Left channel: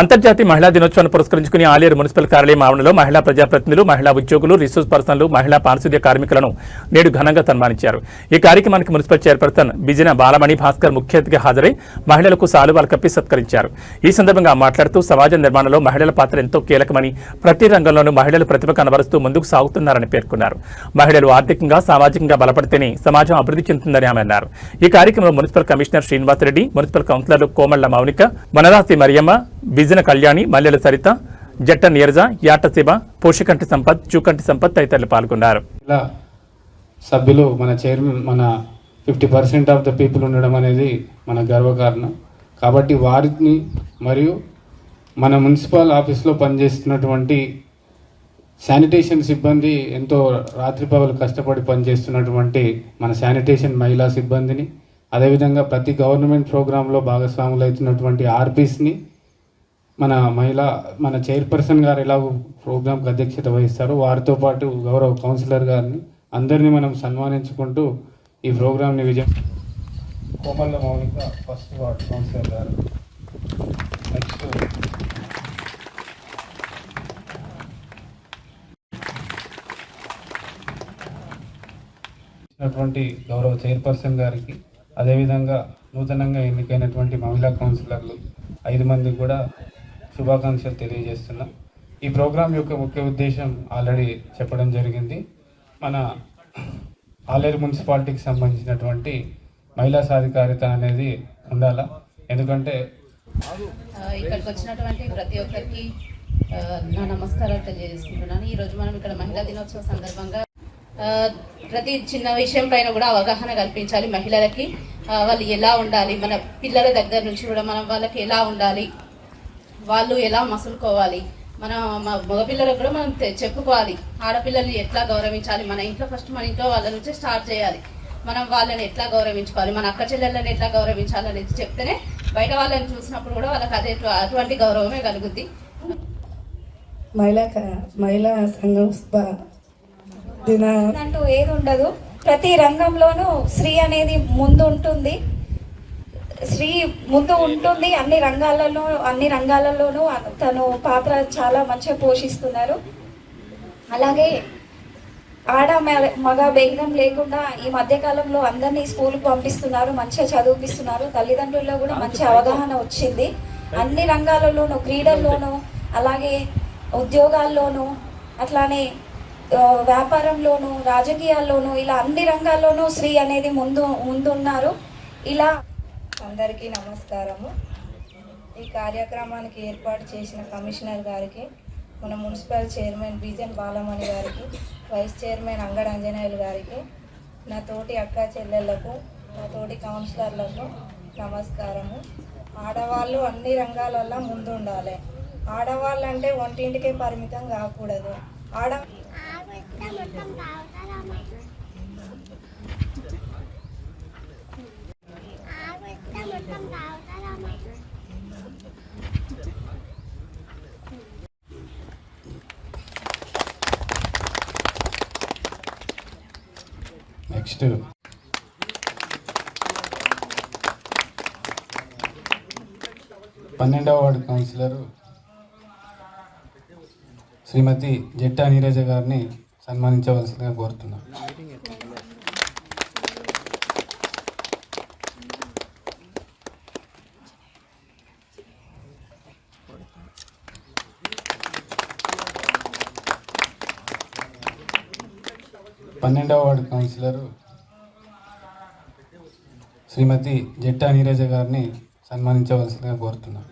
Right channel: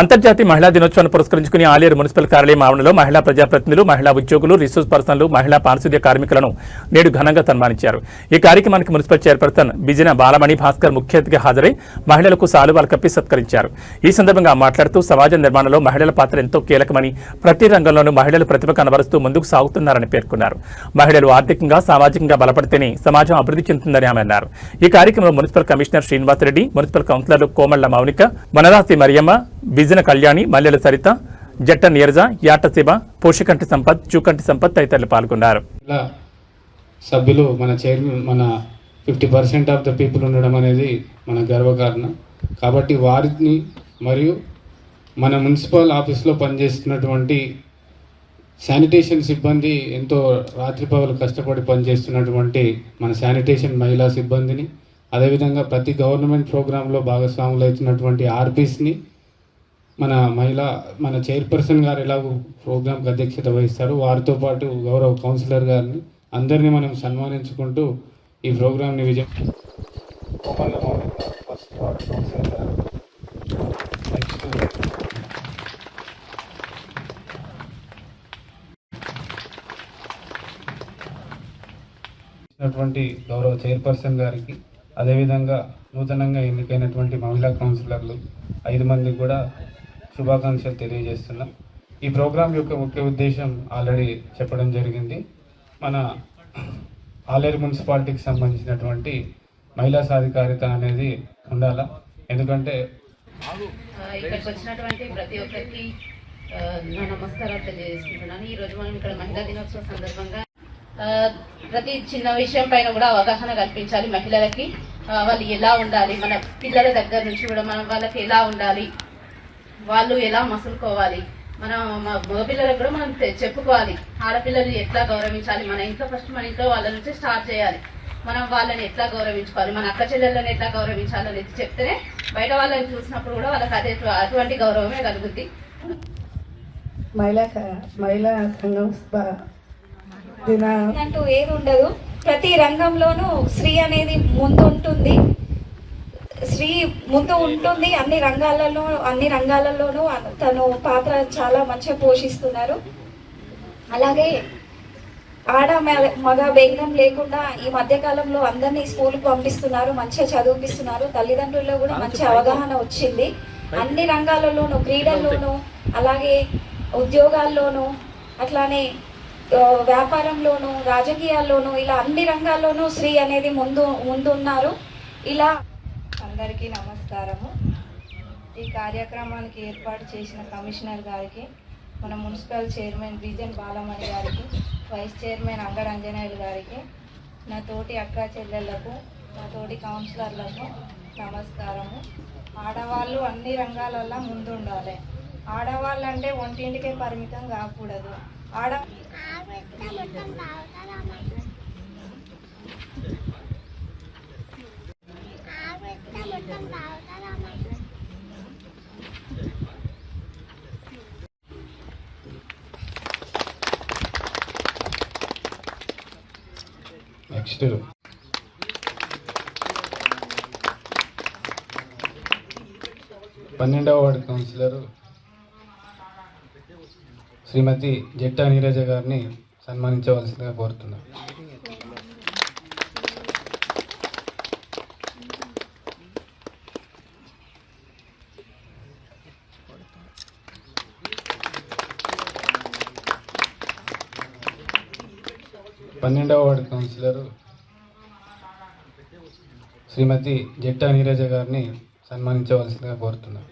అంతర్జాతీయ మహిళా దినోత్సవాన్ని పురస్కరించుకుని ఆలేరు మున్సిపల్ కార్యాలయం ఆవరణలో మహిళా ప్రజాప్రతినిధులు, మహిళా ఉద్యోగులు, రిసోర్స్ పర్సన్లు, మహిళా పారిశుద్ధ్య కార్మికులను నేడు ఘనంగా సన్మానించారు. ఈ కార్యక్రమానికి మున్సిపల్ చైర్పర్సన్ బిజిన బాలమణి భాస్కర్ ముఖ్య అతిథిగా హాజరై మహిళలకు సాలువాలు కప్పి సత్కరించారు. ఈ సందర్భంగా మాట్లాడుతూ సమాజ నిర్మాణంలో మహిళల పాత్ర ఎంతో కీలకమని, ప్రతి రంగంలోనూ మహిళలు ప్రతిభ కనబరుస్తూ ముందుకు సాగుతున్నారని పేర్కొన్నారు. మహిళలు ఆర్థికంగా, సామాజికంగా బలపడితేనే సమాజం అభివృద్ధి చెందుతుందని ఆమె అన్నారు. ఈ కార్యక్రమంలో మున్సిపల్ కమిషనర్ శ్రీనివాసరెడ్డి, మున్సిపల్ కౌన్సిలర్లు కోమళ్ల మౌనిక, వనరాసి మరియమ్మ, బిజిన కళ్యాణి, మల్లెల సరిత, జట్ట నీరజ, యాట శివ, పోషకంటి సంపత్, చూకంటి సంపత్ తదితరులు పాల్గొన్నారు. సభ్యులు మన చైర్మన్ మన 50% ఆఫ్ ద పీపుల్ ఉండడం అనేది మన గర్వకారణం. కాబట్టి వారిని మరియు మన మున్సిపల్ ఆఫీస్లో పనిచేస్తున్నటువంటి శానిటేషన్ సిబ్బంది, ఎంతో రాత్రిపగలు కష్టపడి పనిచేస్తున్నటువంటి మన శానిటేషన్ మహిళా సిబ్బందిని, అదేవిధంగా ప్రతి గవర్నమెంట్ ప్రోగ్రాంలో భాగస్వాములు అవుతున్నటువంటి ఆర్పీస్ని, మన చైర్పర్సన్ గారు ఎలా ప్రోగ్రాంకి అధ్యక్షత వహిస్తారు, వారితో పాటు గౌరవ కౌన్సిలర్ గారిని అందరినీ మనం సన్మానించుకుంటూ ఈ ప్రోగ్రాంని విజయం గౌరవ చైర్పర్సన్ గారికి, అదేవిధంగా నూతనంగా ఎన్నికైనటువంటి మహిళా కౌన్సిలర్లు 5 మందికి కూడా శుభాకాంక్షలు తెలియజేస్తున్నాం. ఈ ప్రోగ్రాం యొక్క ముఖ్య ఉద్దేశం ఆల్రెడీ చెప్పడం జరిగింది. మన ఆలేరు మున్సిపాలిటీకి సంబంధించినటువంటి మహిళా సాధికారిత అనేది ఉండాలి. ఎందుకంటే ఇక్కడికి వచ్చినటువంటి ప్రతి ఒక్కరికి నా నమస్కారం తెలియజేసుకుంటున్నాను. ఈరోజు మనం ఇక్కడ మహిళా దినోత్సవం సందర్భంగా ప్రతి చిన్న విషయం పైన కూడా అవగాహన కల్పించాలి మహిళలకి. వాళ్ళు ఎలా ఉండాలి, మన పిల్లల దగ్గర నుంచి కూడా మనం వాళ్ళకి ఎలా ఉండాలి, వాళ్ళు ఎలా మసులుకోవాలి, మన మగపిల్లలకు కూడా మనం చెప్పుకోవాలి. ఆడపిల్లల్ని ఎట్లా గౌరవించాలి, మన ఇంట్లో ఫస్ట్ మన ఇంట్లో వాళ్ళ నుంచి స్టార్ట్ చేయాలి. మనం వాళ్ళని ఎట్లా గౌరవించుకోవాలి, మన అక్క చెల్లెళ్ళని ఎట్లా గౌరవించాలి అనేది చెప్తేనే బయట వాళ్ళని చూసినప్పుడు కూడా వాళ్ళకి అటువంటి గౌరవమే కలుగుద్ది. మహిళా సంఘం అంటూ ఏది ఉండదు. ప్రతి రంగంలోనూ స్త్రీ అనేది ముందు ఉంటుంది. అన్ని రంగాలలోనూ తను పాత్ర చాలా మంచిగా పోషిస్తున్నారు. అలాగే మగ భేదం లేకుండా ఈ మధ్య కాలంలో అందరినీ స్కూల్కి పంపిస్తున్నారు, మంచిగా చదివిపిస్తున్నారు. తల్లిదండ్రుల్లో కూడా మంచి అవగాహన వచ్చింది. అన్ని రంగాలలోనూ, క్రీడల్లోనూ, అలాగే ఉద్యోగాల్లోనూ, అట్లానే వ్యాపారంలోనూ, రాజకీయాల్లోనూ, ఇలా అన్ని రంగాల్లోనూ స్త్రీ అనేది ముందున్నారు. ఇలా అందరికీ నమస్కారము. ఈ కార్యక్రమానికి ఏర్పాటు చేసిన కమిషనర్ గారికి, మన మున్సిపల్ చైర్మన్ బిజన్ బాలమణి గారికి, వైస్ చైర్మన్ అంగరంజనేయులు గారికి, నా తోటి అక్క చెల్లెళ్లకు, నా తోటి కౌన్సిలర్లకు నమస్కారము. ఆడవాళ్ళు అన్ని రంగాలల్లో ముందు ఉండాలి. ఆడవాళ్ళు అంటే వంటింటికే పరిమితం కాకూడదు. నెక్స్ట్ 12వ వార్డు కౌన్సిలర్ శ్రీమతి జట్టా నీరజ గారిని సన్మానించవలసిందిగా కోరుతున్నాను. పన్నెండవ వార్డు కౌన్సిలర్ శ్రీమతి జట్టా నీరజ గారిని సన్మానించవలసిందిగా కోరుతున్నాను.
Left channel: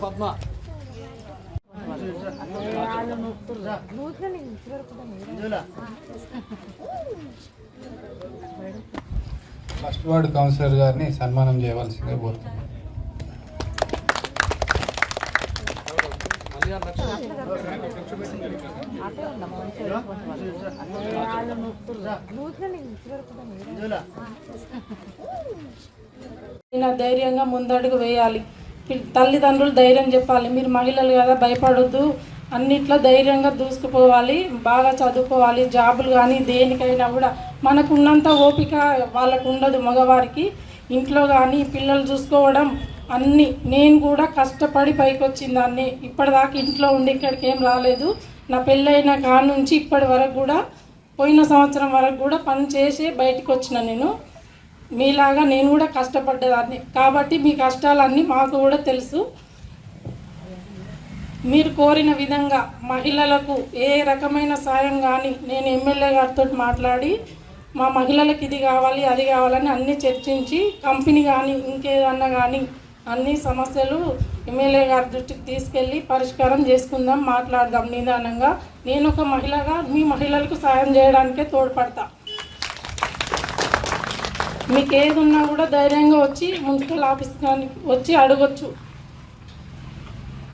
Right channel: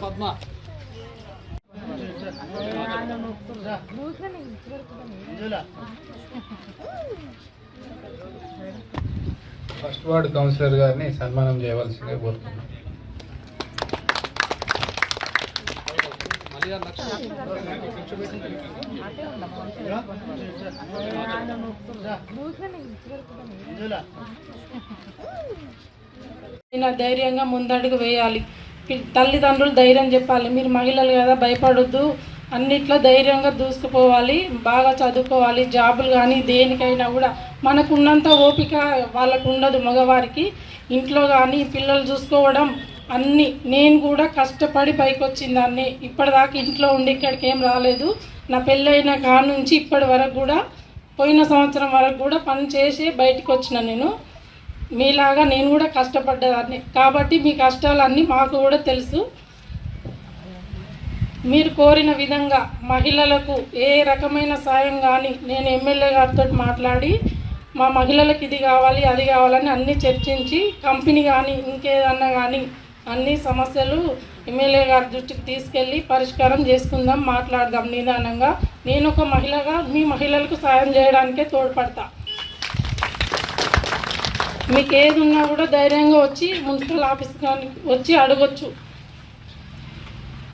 పద్మ ఫస్ట్ వార్డు కౌన్సిలర్ గారిని సన్మానం చేయవలసిందిగా కోరుతున్నాను. ధైర్యంగా ముందడుగు వేయాలి. తల్లిదండ్రులు ధైర్యం చెప్పాలి, మీరు మహిళలు కదా భయపడొద్దు, అన్నిట్లో ధైర్యంగా దూసుకుపోవాలి, బాగా చదువుకోవాలి. జాబులు కానీ దేనికైనా కూడా మనకు ఉన్నంత ఓపిక వాళ్ళకు ఉండదు. మగవారికి ఇంట్లో కానీ పిల్లలు చూసుకోవడం అన్నీ, నేను కూడా కష్టపడి పైకి వచ్చిందాన్ని. ఇప్పటిదాకా ఇంట్లో ఉండి ఇక్కడికి ఏం రాలేదు. నా పెళ్ళైన కాడ నుంచి ఇప్పటి వరకు కూడా, పోయిన సంవత్సరం వరకు కూడా పని చేసి బయటకు వచ్చిన నేను. మీలాగా నేను కూడా కష్టపడ్డదాన్ని కాబట్టి మీ కష్టాలన్నీ మాకు కూడా తెలుసు. మీరు కోరిన విధంగా మహిళలకు ఏ రకమైన సాయం కానీ నేను ఎమ్మెల్యే గారితో మాట్లాడి మా మహిళలకు ఇది కావాలి అది కావాలని అన్నీ చర్చించి కంపెనీ కానీ ఇంకేదన్నా కానీ అన్ని సమస్యలు ఎమ్మెల్యే గారి దృష్టికి తీసుకెళ్ళి పరిష్కారం చేసుకుందాం, మాట్లాడదాం నిదానంగా. నేను ఒక మహిళగా మీ మహిళలకు సాయం చేయడానికే తోడ్పడతా. మీకు ఏది ఉన్నా కూడా ధైర్యంగా వచ్చి మున్సిపల్ ఆఫీస్ కానీ వచ్చి అడగొచ్చు.